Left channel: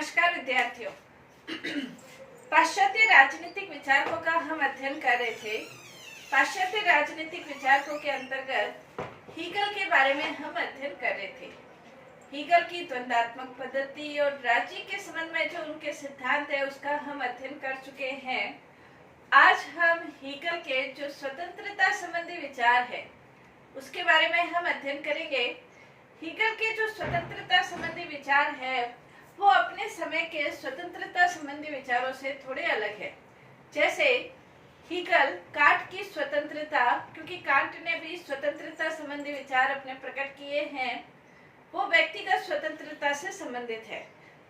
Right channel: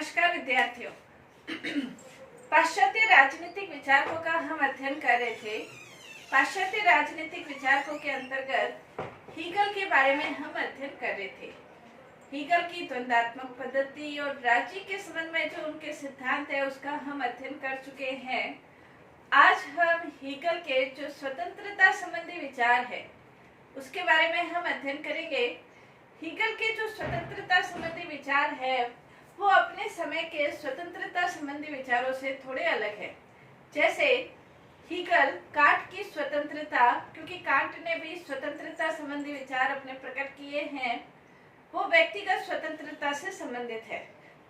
नमस्कार विद्यार्थियों। पाश्चात्य राजनीतिक विचारकों का हम अध्ययन कर रहे थे। पाश्चात्य राजनीतिक विचारकों के अंतर्गत हीगल के बारे में हम अध्ययन कर रहे थे। हीगल की द्वंद्वात्मक पद्धति और राज्य के संबंध में जो उनके सिद्धांत है उसका हम अध्ययन कर चुके हैं। आज हम हीगल के जो स्वतंत्रता संबंधी विचार है उसके बारे में हम अध्ययन करेंगे। हीगल के जो स्वतंत्रता संबंधी विचार है वो अपने समय के स्वतंत्रता संबंधी विचारों से थोड़े अलग है। जैसे हीगल कांट की स्वतंत्रता, क्योंकि कांट ने भी स्वतंत्रता संबंधी विचार अपने प्रकट किए हैं, वो व्यक्तिगत स्वतंत्रता से संबंधित है।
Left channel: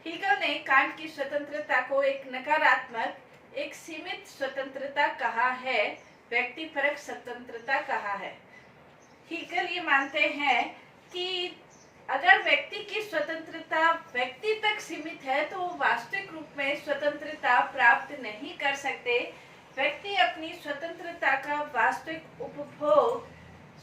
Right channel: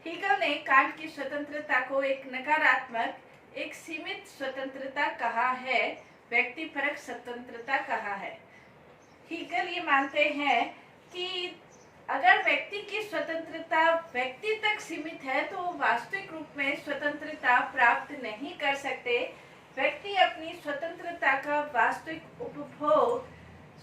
हीगल ने कांट की स्वतंत्रता को एक नकारात्मक, एक सीमित स्वतंत्रता कहा है, व्यक्तिपरक स्वतंत्रता कहा है। हीगल ये मानते हैं कि अगर व्यक्ति की स्वतंत्रता व्यक्ति तक सीमित है तो वो वास्तविक रूप में स्वतंत्रता प्राप्त नहीं कर सकते। व्यक्ति अपनी स्वतंत्रता का वास्तविक उपभोग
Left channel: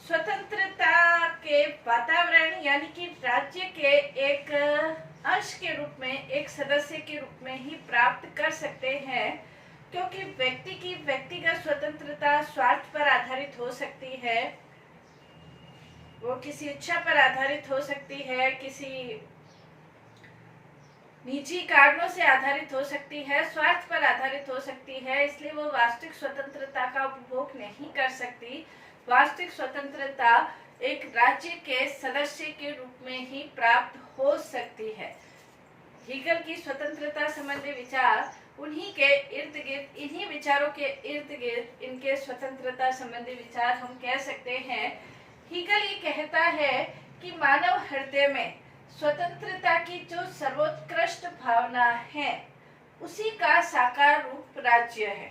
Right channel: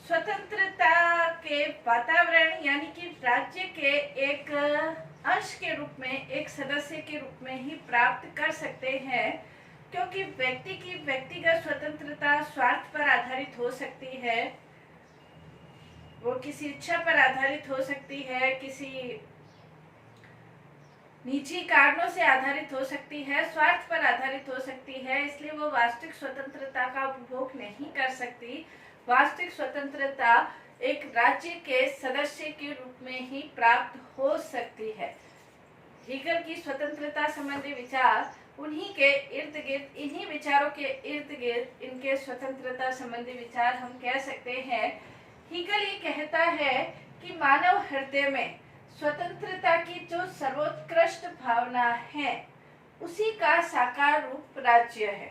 स्वतंत्रता के वातावरण यानी कि राज्य के एक अंश के रूप में, एक सदस्य के रूप में ही प्राप्त कर सकते हैं, क्योंकि व्यक्ति की व्यक्तिगत स्वतंत्रता स्वार्थ पर आधारित हो सकती है, वो किसी इच्छा पर आधारित हो सकती है, किसी निजी कारणों से आधारित हो सकती है, स्वार्थ पर आधारित हो सकती है, इसलिए वो वास्तविक स्वतंत्रता का उपभोग नहीं कर सकती। वास्तविक स्वतंत्रता एक राज्य के सदस्य के रूप में ही प्राप्त हो सकती है। हीगल की स्वतंत्रता संबंधी विचार उन्हीं के इर्द गिर्द, इन्हीं विचारों के इर्द गिर्द इनके स्वतंत्रता संबंधी विचार हम कह सकते हैं। हीगल ये कहता है कि मानव हृदय में स्वतंत्रता की जो सर्वोत्कृष्ट भावना है उसी का साकार रूप राज्य है।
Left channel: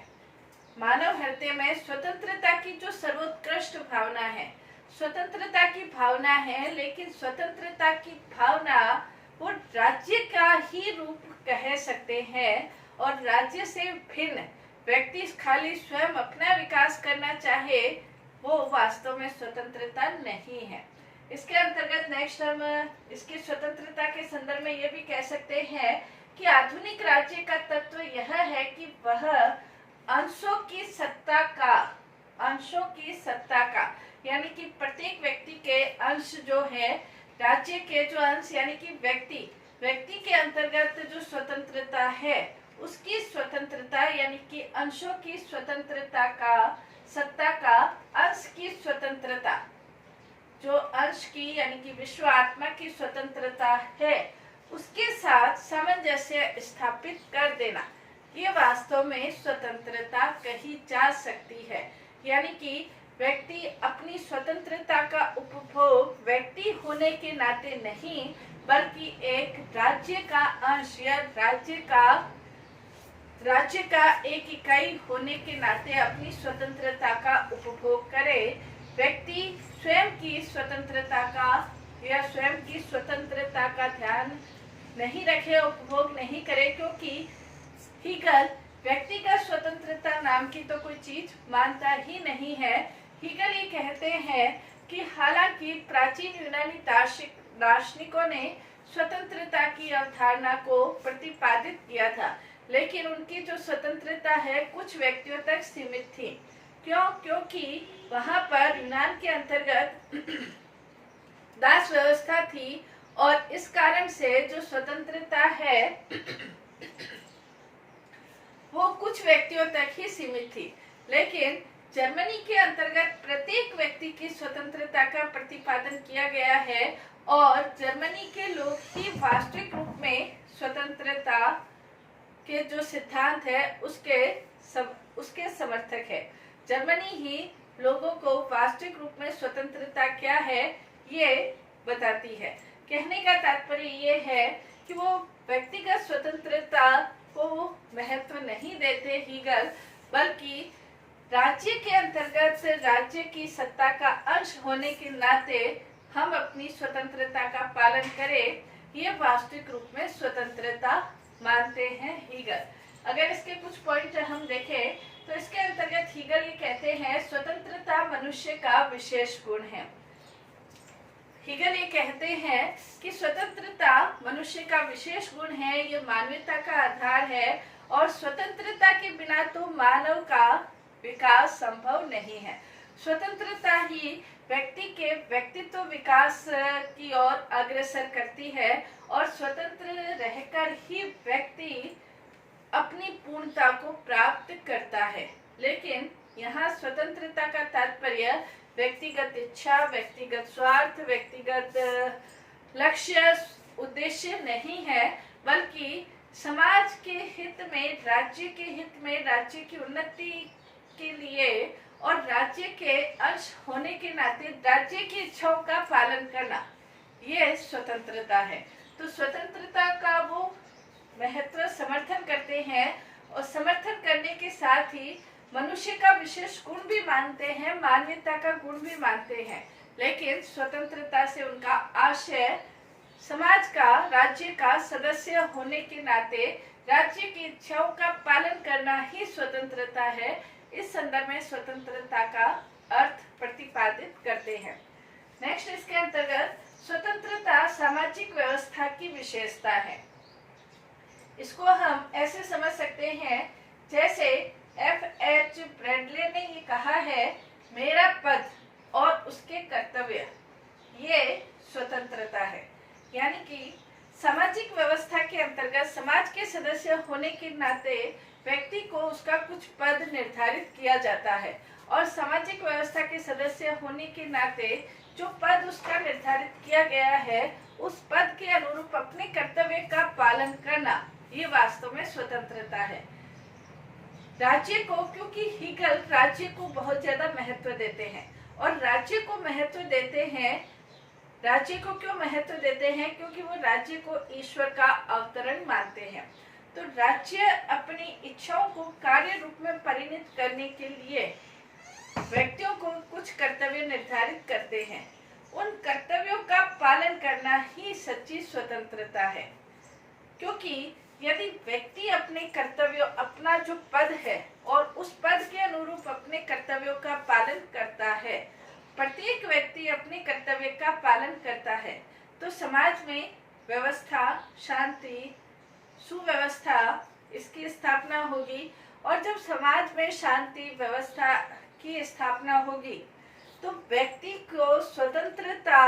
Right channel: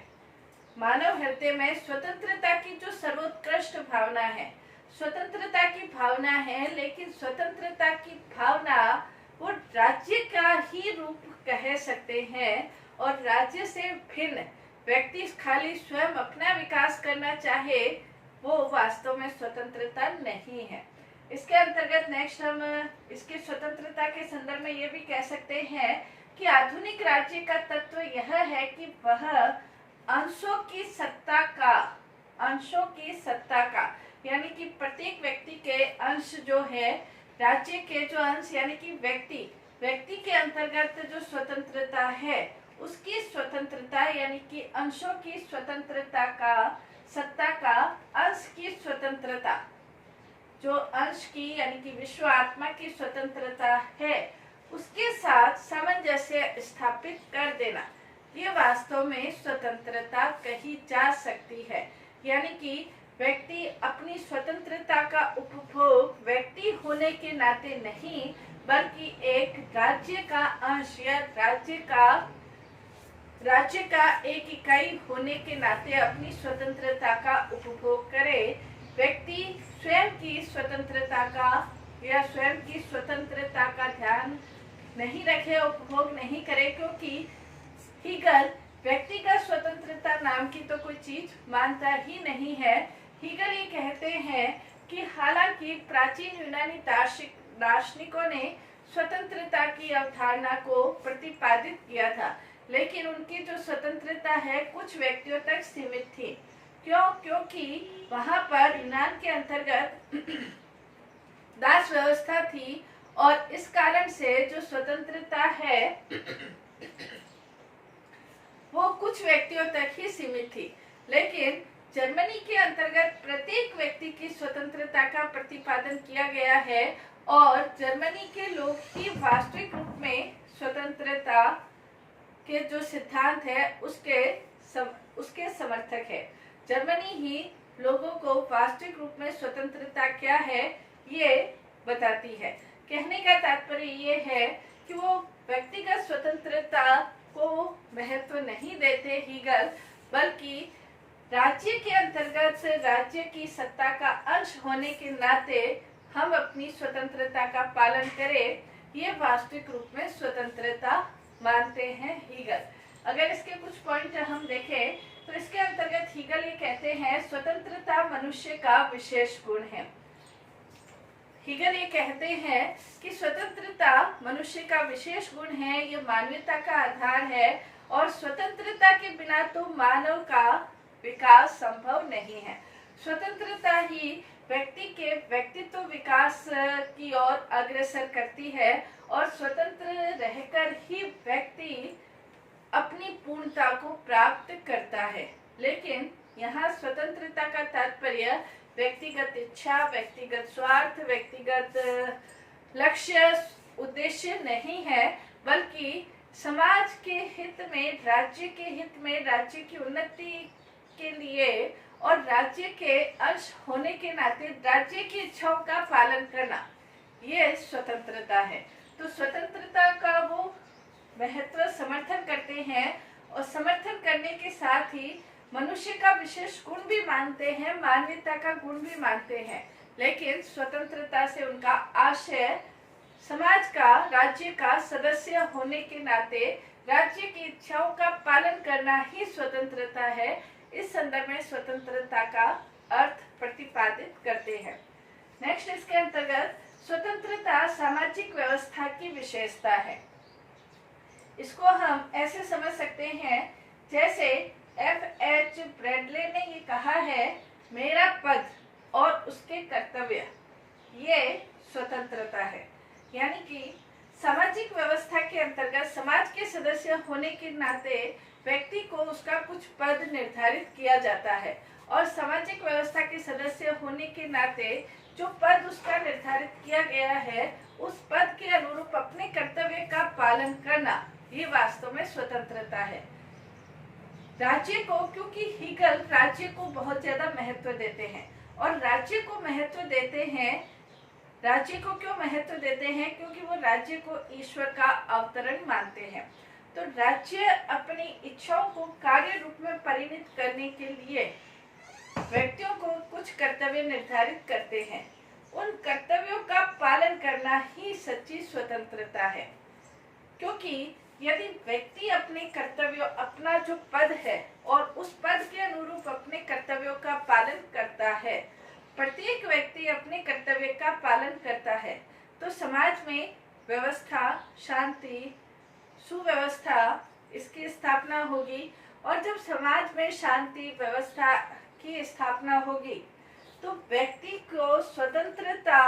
मानव हृदय में स्वतंत्रता की जो सर्वोत्कृष्ट भावना है, स्वतंत्रता की भावना है, लेकिन स्वतंत्रता की भावना वो राज्य का ही रूप कह सकते हैं, और राज्य से भिन्न व्यक्ति खाली स्वयं अपना विकास करना चाहे वो वास्तव में स्वतंत्रता नहीं है। इसके अंतर्गत नेक्स्ट हम इसकी स्वतंत्रता के संदर्भ में ये भी कह सकते हैं कि आधुनिक राज्य का तत्व यह है कि वह अंशों की सत्ता का यानी कि प्रत्येक व्यक्ति के अंश जो है, राज्य के जो अंश यानी कि व्यक्ति के अंतर्गत जो स्वतंत्रता है उसकी स्वतंत्रता यानी कि अंशों की स्वतंत्रता का, सत्ता का अंश की स्वतंत्रता, जो अंश की यानी कि विश्व आत्मा की स्वतंत्रता है उसके साथ सामंजस्य स्थापित कर देना, ये वास्तव में स्वतंत्रता कही जा सकती है। यानी कि व्यक्ति अपनी स्वतंत्रता का उपभोग व्यक्ति होने के नाते नहीं, बल्कि एक राज्य का अंश या राज्य का एक इकाई होने के नाते अपनी स्वतंत्रता का उपभोग करे। व्यक्ति स्वयं की स्वतंत्रता का या स्वयं की स्वतंत्रता का ध्यान नहीं रखे, उपभोग नहीं करे, क्योंकि हीगल व्यक्तिगत स्वतंत्रता नाम की तो कोई चीज मानता ही नहीं है। हीगल ये कहते हैं कि हालांकि प्राचीन यूनानी दार्शनिकों ने स्वतंत्रता की अवधारणा को प्रतिपादित किया था, लेकिन उनकी जो स्वतंत्रता है कुछ व्यक्तियों तक सीमित थी। क्योंकि वहां पर यूनान के अंतर्गत दास व्यवस्था थी, और इस कारण से जो स्वतंत्रता है वो कुछ व्यक्तियों तक ही सीमित थी। लेकिन जर्मनी के अंतर्गत प्रत्येक व्यक्ति की स्वतंत्रता का प्रतिपादन किया गया है, और जर्मनी के लोग ही वास्तविक रूप में स्वतंत्रता के जो सिद्धांत है उसके समर्थक है। जर्मनी ही लोगों को वास्तविक रूप में स्वतंत्रता क्या है ये बताती है। कहने का तात्पर्य ये है कि वो व्यक्तिगत स्वतंत्रता को महत्व नहीं देते हीगल, बल्कि राज्य के अंतर्गत राज्य की सत्ता का अंश होने के नाते हम अपनी स्वतंत्रता का पालन करें, ये वास्तविक रूप में स्वतंत्रता मानते हैं हीगल। अगर इसके कुछ पॉइंट हम देखें तो इसके अंतर्गत हीगल ये कहते हैं स्वतंत्रता मनुष्य का विशेष गुण है। हीगल ये कहते हैं कि स्वतंत्रता मनुष्य का विशेष गुण है, ये मानवता का आधार है और स्वतंत्रता के बिना तो मानव का विकास संभव नहीं है। स्वतंत्रता ही व्यक्ति के व्यक्तित्व विकास की ओर अग्रसर करती है और स्वतंत्र रहकर ही व्यक्ति अपनी पूर्णता को प्राप्त करता है। लेकिन यहाँ स्वतंत्रता का तात्पर्य व्यक्तिगत इच्छा, व्यक्तिगत स्वार्थ, व्यक्तिगत लक्ष्य, उद्देश्य नहीं है, बल्कि समाज के हित में, राज्य के हित में, राज्य की उन्नति के लिए और राज्य के अंश होने के नाते राज्य की इच्छाओं का पालन करना, ये स्वतंत्रता है। तो स्वतंत्रता का वो महत्व समर्थन करते हैं और समर्थन करने के साथ ही मनुष्य का विशेष गुण भी मानते हैं, मानवता का गुण भी मानते हैं। लेकिन स्वतंत्रता से उनका आशय समाज का, राज्य का सदस्य होने के नाते राज्य की इच्छाओं का पालन करना ही स्वतंत्रता है। इस संदर्भ में स्वतंत्रता का अर्थ प्रतिपादित करते हैं। नेक्स्ट, इसके अंतर्गत स्वतंत्रता सामाजिक व्यवस्था की विशेषता है। इसको हम ऐसे समझ सकते हैं जैसे F.H. ब्रैडले ने ये कहा है, मेरा पद और उसके कर्तव्य, ये स्वतंत्रता है। यानी कि सामाजिक व्यवस्था के अंतर्गत समाज के सदस्य होने के नाते व्यक्ति को उसका कुछ पद निर्धारित किया जाता है और सामाजिक व्यवस्था के सदस्य होने के नाते जो पद उसका निर्धारित किया गया है, उस पद के अनुरूप अपने कर्तव्य का पालन करना, ये वास्तव में स्वतंत्रता है। राज्य को, क्योंकि हीगल राज्य को बहुत ज्यादा महत्व देते हैं और राज्य को महत्व देते हैं, राज्य को क्यों महत्व देते हैं? क्योंकि वो राज्य को ईश्वर का अवतरण मानते हैं। तो राज्य अपनी इच्छाओं को कार्य रूप में परिणत करने के लिए व्यक्तियों को कुछ कर्तव्य निर्धारित करते हैं। उन कर्तव्यों का पालन करना ही सच्ची स्वतंत्रता है। क्योंकि यदि व्यक्ति अपने कर्तव्यों, अपना जो पद है और उस पद के अनुरूप अपने कर्तव्यों का पालन करता है, प्रत्येक व्यक्ति अपने कर्तव्य का पालन करता है, तो समाज में व्यवस्था, शांति, सुव्यवस्था, इसकी स्थापना होगी। और जब समाज में शांति, व्यवस्था की स्थापना होगी तो व्यक्ति को स्वतंत्रता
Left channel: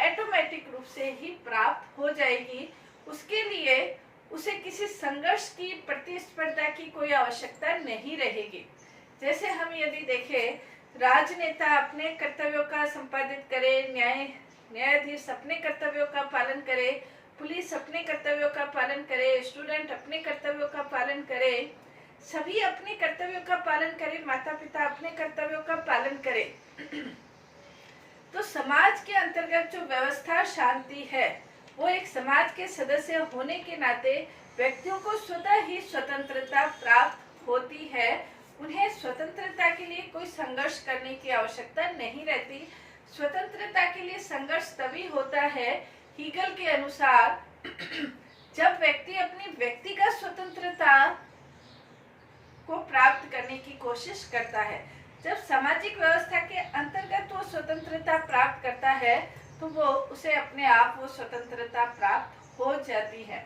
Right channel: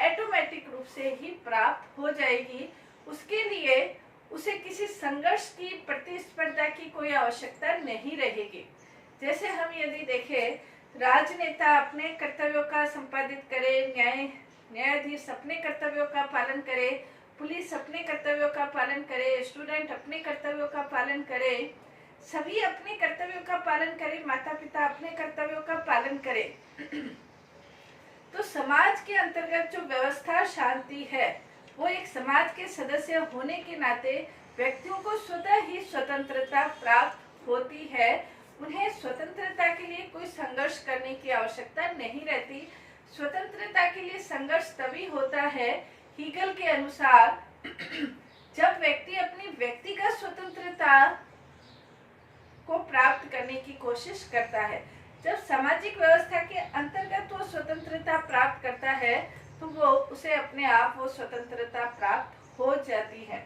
ऑटोमेटिक रूप से ही प्राप्त हो जाएगी। उसके लिए उसे किसी संघर्ष की, प्रतिस्पर्धा की कोई आवश्यकता नहीं रहेगी। जैसे हम यदि देखें, राजनेता अपने कर्तव्यों का संपादित करे, न्यायाधीश अपने कर्तव्यों का पालन करे, पुलिस अपने कर्तव्यों का पालन करे, स्टूडेंट अपने कर्तव्यों का पालन करे, सभी अपने कर्तव्यों का पालन करे, माता पिता अपने कर्तव्यों का पालन करे, तो समाज के अंतर्गत जो व्यवस्था, शांति है, वो एक समाज के सदस्य होने के नाते व्यक्तियों को स्वतः ही स्वतंत्रता प्राप्त होती है। उन्हें स्वतंत्रता के लिए कोई संघर्ष करने की आवश्यकता नहीं रहती। स्वतंत्रता के लिए संघर्ष तभी होता है, हीगल के अनुसार, जब व्यक्ति अपनी व्यक्तिगत स्वतंत्रता को प्राप्त करने की कोशिश करता है। जब सामाजिक व्यवस्था के अंतर्गत वो स्वतंत्रता प्राप्त करता है तो वो उसे अपने आप वो स्वतंत्रता प्राप्त हो जाती है।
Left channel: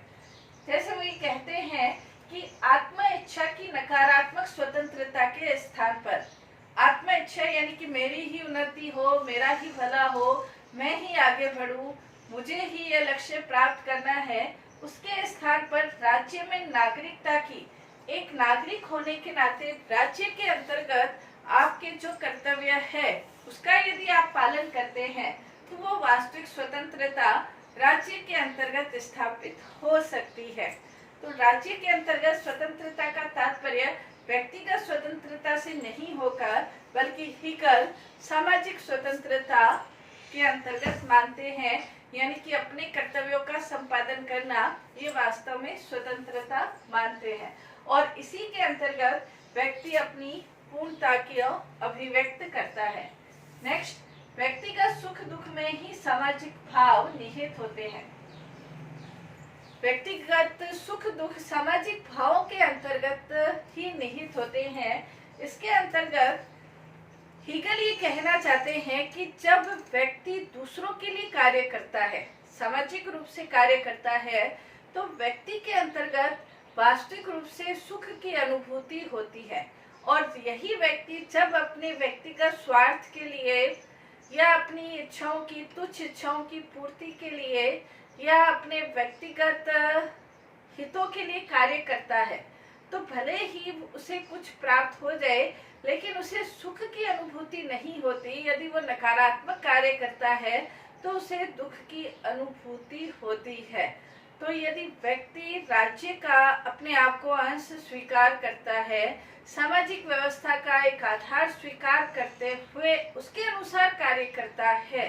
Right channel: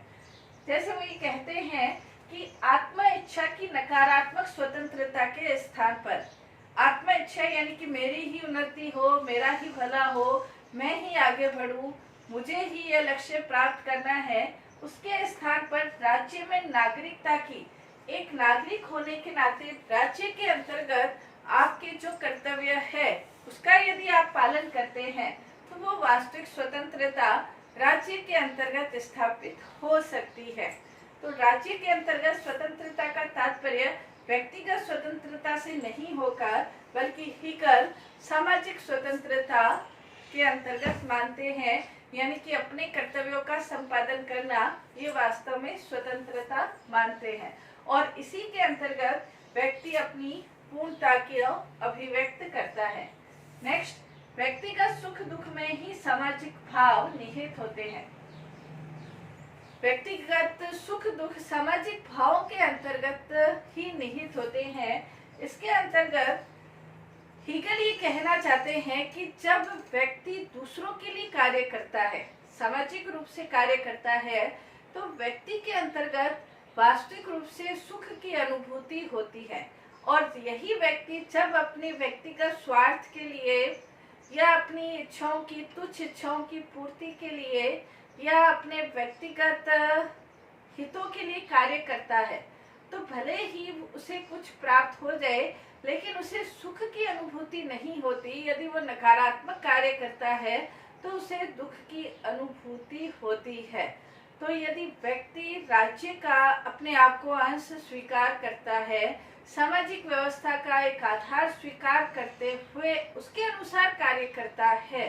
जैसे वो ये कहते हैं कि आत्म इच्छा की नकारात्मक स्वतंत्रता के स्थान पर, आत्म इच्छा यानी कि मेरी ही उन्नति हो, मेरा ही भला हो, मैं ही आगे बढ़ूं, मुझे ही ये लक्ष्य प्राप्त करना है, उसके स्थान पर राज्य में नागरिकता की, एक नागरिक होने के नाते राज्य के अंतर्गत आपके जो कर्तव्य है उसका यदि आप पालन करते हैं तो वो वास्तविक स्वतंत्रता राज्य के अंतर्गत स्थापित हो सकती है। तो राज्य के अंतर्गत स्वतंत्रता का तात्पर्य व्यक्तिगत स्वतंत्रता से नहीं होकर बल्कि हीगल सामाजिक स्वतंत्रता के अंतर्गत मानते हैं, यानी कि अपने कर्तव्यों का संपादन करना, ये वास्तव में स्वतंत्रता मानते हैं। और इसी के अंतर्गत व्यक्ति अपनी पूर्णता की अभिव्यक्त करता है। नेक्स्ट, व्यक्तिगत सुख दुख में ही सामाजिक भाव निहित होते हैं। व्यक्तिगत सुख दुख सामाजिक भावों के अंतर्गत ही निहित होते हैं। इसके अंतर्गत हीगल ये कहना चाहते हैं कि जब व्यक्ति दूसरों के लिए कार्य करता है, सामाजिक रूप से कार्य करता है, तो व्यक्ति के अंतर्गत वास्तविक रूप से सुख की अनुभूति होती है। और यही व्यक्ति जब अपने व्यक्तिगत स्वार्थ के लिए या अपनी इच्छाओं की, तुच्छ इच्छाओं की पूर्ति के लिए या अपने व्यक्तिगत हितों के लिए कार्य करता है, तो भले ही उसे कुछ प्राप्त हो जाए, लेकिन उसे सुख की अनुभूति नहीं होती। यदि वो नकारात्मक कार्य करता है तो उसे दुख की अनुभूति होती है। तो यदि व्यक्ति राज्य का अपने आप को अंश स्वीकार करता है, सामाजिक व्यवस्था का एक आधार स्वीकार करते हुए उसके अनुसार कार्य करता है,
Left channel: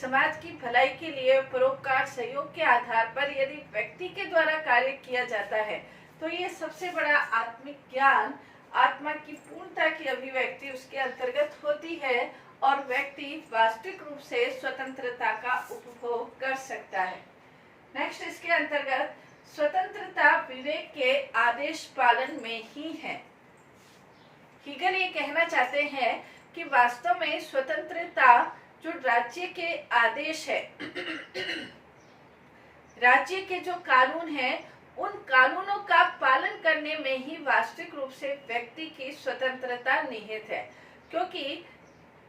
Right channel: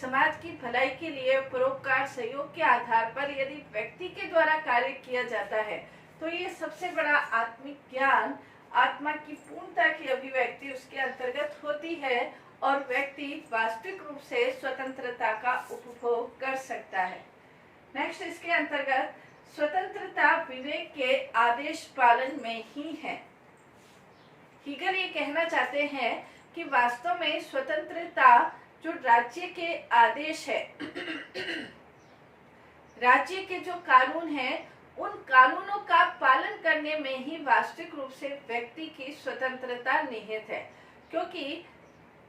समाज की भलाई के लिए परोपकार सहयोग के आधार पर यदि व्यक्ति के द्वारा कार्य किया जाता है, तो ये सबसे बड़ा आत्मिक ज्ञान, आत्मा की पूर्णता की अभिव्यक्ति उसके अंतर्गत होती है और व्यक्ति वास्तविक रूप से स्वतंत्रता का उपभोग कर सकता है। नेक्स्ट, इसके अंतर्गत स्वतंत्रता विवेक के आदेश पालन में ही है। हीगल ये कहना चाहते हैं कि वास्तव में स्वतंत्रता जो राज्य के आदेश है, राज्य के जो कानून हैं, उन कानूनों का पालन करने में ही वास्तविक रूप से व्यक्ति की स्वतंत्रता निहित है। क्योंकि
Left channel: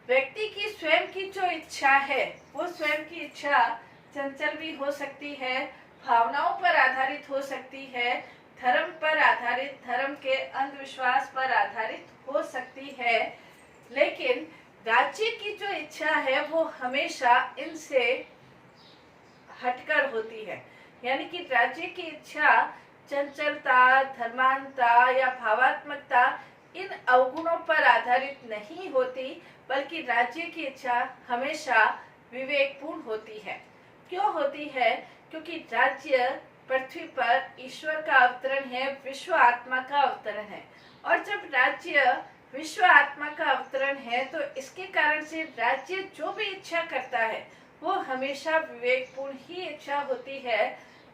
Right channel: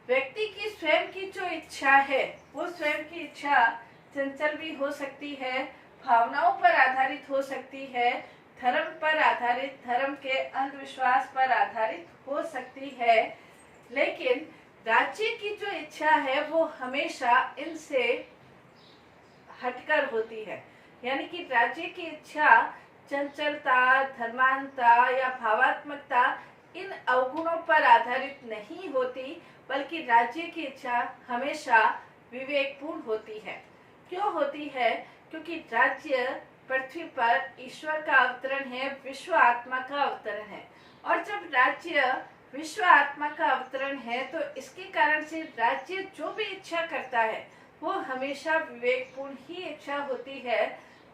व्यक्ति की स्वयं की जो इच्छा है, वो स्वयं की इच्छा चंचल भी हो सकती है, भावनाओं पर आधारित हो सकती है, धर्म पर आधारित, धर्म के अंधविश्वास पर आधारित हो सकती है, लेकिन राज्य की जो इच्छा है वो हमेशा इनसे हटकर होती है। यानी कि राज्य की इच्छा चंचलता, धर्मांधता या भावात्मकता इन अवगुणों पर आधारित नहीं होती, बल्कि राज्य की इच्छा हमेशा विवेकपूर्ण होती है। क्यों होती है? क्योंकि राज्य पृथ्वी पर ईश्वर का अवतरण है, विश्व आत्मा का अवतरण है। और जब राज्य विश्व आत्मा का अवतरण है, तो इसके कारण से राज्य जो भी इच्छा करता है वो हमेशा विवेकपूर्ण ही इच्छा होती है।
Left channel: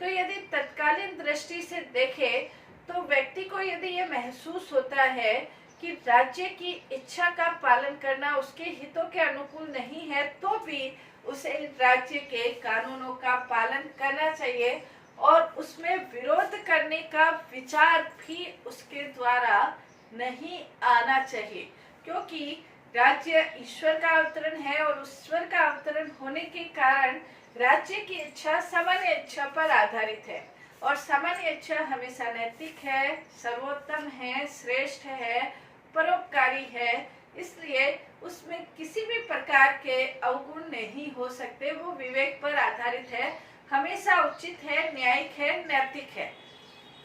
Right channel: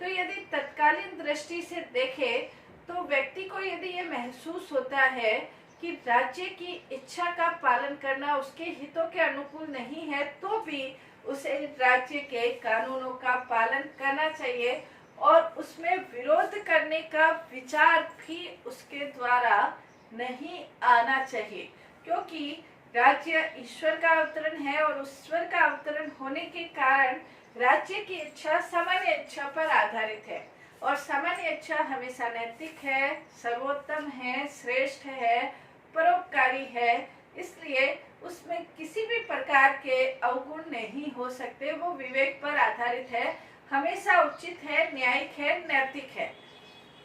तो यदि तत्कालीन दृष्टि से देखें तो व्यक्ति को यदि ये महसूस होता है कि राज्य की इच्छा का पालन करना उसके हितों के अनुकूल नहीं है, तो भी उसे राज्य के कानूनों का पालन करना चाहिए और उसमें विरोध करने का विचार भी उसके द्वारा नहीं आना चाहिए। क्योंकि राज्य ईश्वर का अवतरण है और ईश्वर का अवतरण होने के कारण राज्य की इच्छा सामान्य इच्छा पर आधारित है और सामान्य इच्छा हमेशा नैतिक है, सर्वोत्तम है, श्रेष्ठ है, परोपकारी है। इसलिए उसमें किसी भी प्रकार के अवगुण नहीं हो सकते। वो विवेक पर आधारित है, हमेशा उचित है, न्यायिक है, नैतिक है।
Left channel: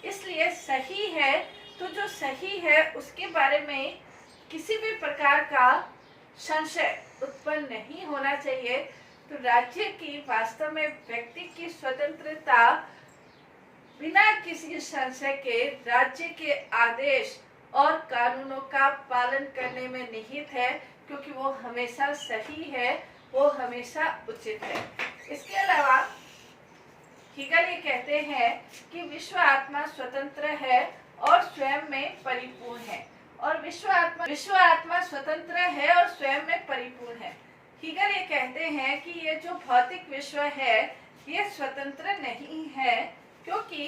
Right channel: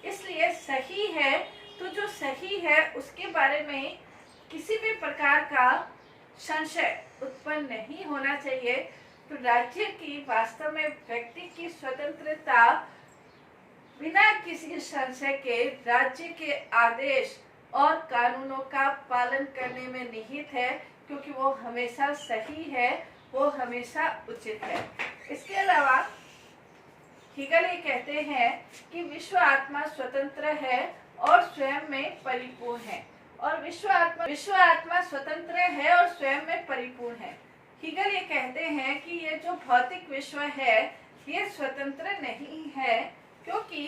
इसलिए सही है, तो जो सही है उसके बारे में किसी भी प्रकार का संशय उत्पन्न नहीं होना चाहिए। तो राज्य की वास्तव में व्यक्ति की स्वतंत्रता बिना किसी संशय के राज्य के आदेश और कानूनों का पालन करने में निहित है, क्योंकि वो हमेशा सही है, वो हमेशा उचित है। इसके अलावा हीगल ये कहते हैं कि विश्व आत्मा स्वतंत्र है और स्वयं में परिपूर्ण है। और विश्व आत्मा स्वतंत्र है और स्वयं में परिपूर्ण है। हीगल ये कहते हैं कि ये जो भौतिक विश्व है ये स्वतंत्र नहीं है, क्योंकि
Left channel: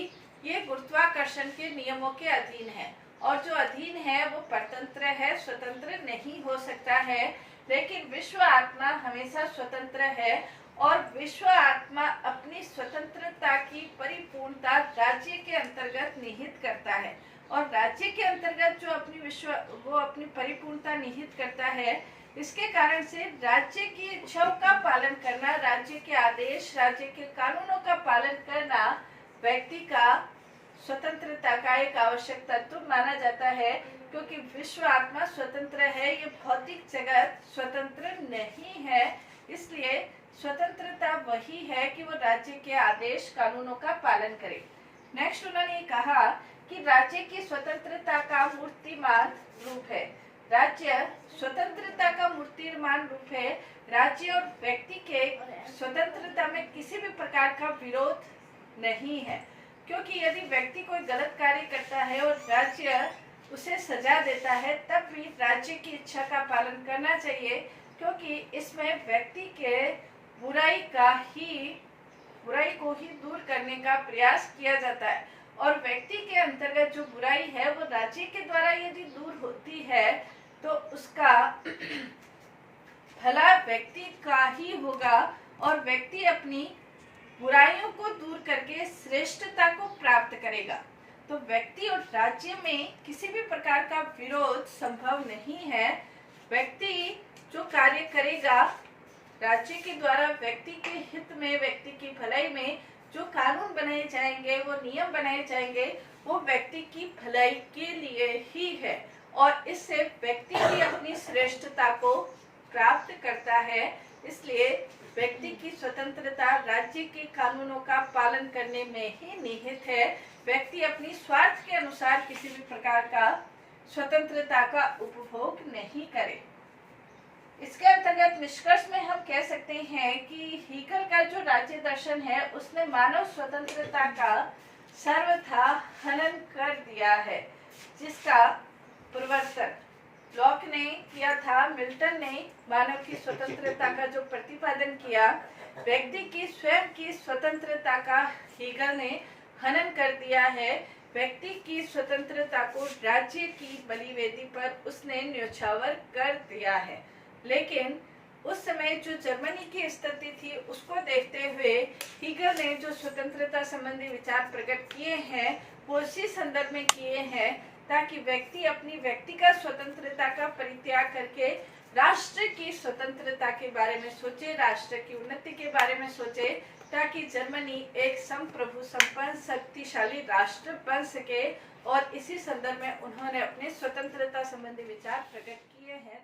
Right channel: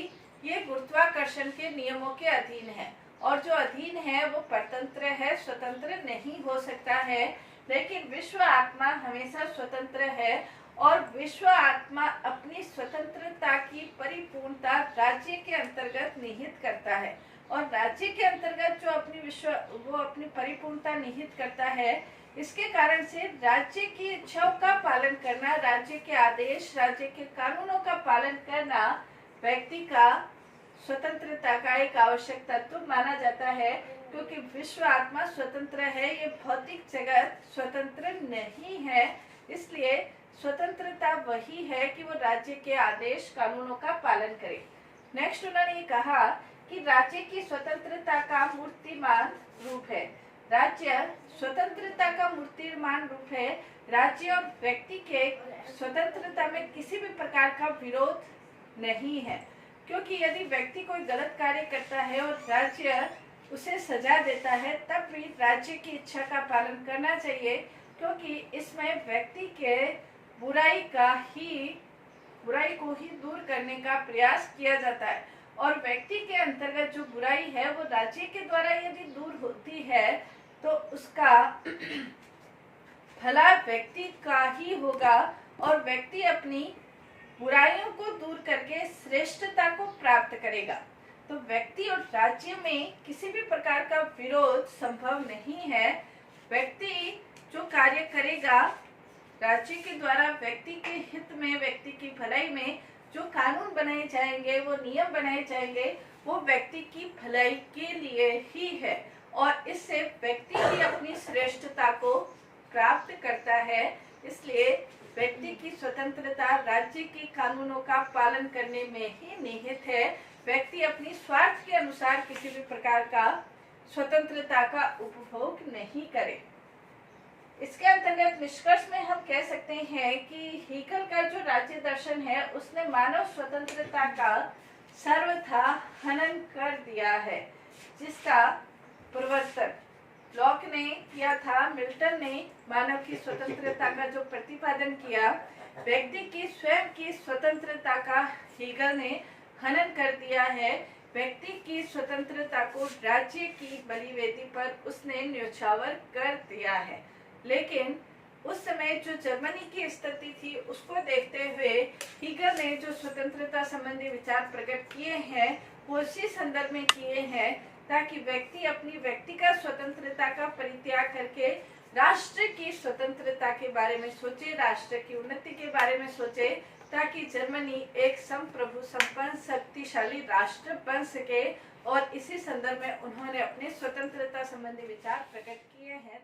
ये गुरुत्वाकर्षण के नियमों के अधीन है और जो अधीन है वो परतंत्र है, स्वतंत्र नहीं हो सकता है। लेकिन विश्व आत्मा हमेशा स्वतंत्र है और विश्व आत्मा अपनी स्वतंत्रता की परिपूर्णता राज्य के अंतर्गत निहित करता है और राज्य के अंतर्गत जो अपनी परिपूर्णता निहित करता है, इसके कारण से राज्य की इच्छाओं का पालन करना, राज्य के आदेश, राज्य के कानूनों का पालन करना व्यक्ति का स्वतंत्रता का एक आवश्यक तत्व माना जाता है। क्योंकि विश्व आत्मा स्वतंत्र है, ये भौतिक जगत स्वतंत्र नहीं है। इसलिए स्वतंत्रता वही है कि वो राज्य के आदेश, कानूनों का पालन करे। नेक्स्ट उन्होंने ये कहा कि राज्य की स्वतंत्रता का मूर्तिमान रूप है। राज्य स्वतंत्रता का मूर्तिमान रूप है। राज्य और व्यक्ति के स्वतंत्रता में किसी भी प्रकार का विरोध नहीं है, क्योंकि यदि व्यक्ति कोई गलत कार्य करता है और राज्य उसे सजा देता है, तब भी राज्य की इच्छा का पालन करना चाहिए, क्योंकि इसमें व्यक्ति के बुराई को ही दूर करने का प्रयास किया जाता है। और व्यक्ति के अंतर्गत जो बुराई है वो राज्य के द्वारा यदि दूर होती है तो उसका भला व्यक्ति का ही होगा और व्यक्ति अपनी बुराइयों को दूर करके श्रेष्ठता को प्राप्त करेगा। तो व्यक्ति और राज्य में किसी भी प्रकार का विरोध संभव नहीं है। व्यक्ति जो कार्य करेगा राज्य के द्वारा व्यक्ति के हित में, व्यक्ति की भलाई में जो कानून बनाए जाएंगे, वो नियम बनाए जाएंगे, वो व्यक्ति की भलाई के लिए ही है और इससे व्यक्ति भी अपनी श्रेष्ठता को प्राप्त करता है। इसलिए व्यक्ति की स्वतंत्रता राज्य के कानूनों का पालन करने में ही निहित है। व्यक्ति अपनी स्वार्थ के अनुसार किसी भी प्रकार का स्वतंत्रता का उपभोग नहीं करे। इसके अंतर्गत निष्कर्ष में हम कह सकते हैं कि हीगल का जो राज्य दर्शन है उसने मानव स्वतंत्रता का सर्वथा हनन कर दिया है, जिसका प्रवर्तन लॉक ने किया था। मिल्टन ने मानव की स्वतंत्रता का जो प्रतिपादन किया, व्यक्ति की स्वयं की स्वतंत्रता का हीगल ने हनन कर दिया है। व्यक्ति की स्वतंत्रता को राज्य की बलिवेदी पर उसने न्योछावर कर दिया है। लेकिन उस समय जो जर्मनी की स्थिति थी उसको देखते हुए हीगल ने जो स्वतंत्रता संबंधी विचार प्रकट किए हैं वो इसी संदर्भ में किए हैं ताकि व्यक्ति अपनी व्यक्तिगत स्वतंत्रता का परित्याग करके राष्ट्र की स्वतंत्रता के बारे में सोचे, राष्ट्र की उन्नति के बारे में सोचे, ताकि जर्मनी एक संप्रभु संपन्न शक्तिशाली राष्ट्र बन सके। और इसी संदर्भ में उन्होंने अपने स्वतंत्रता संबंधी विचार प्रकट किए हैं।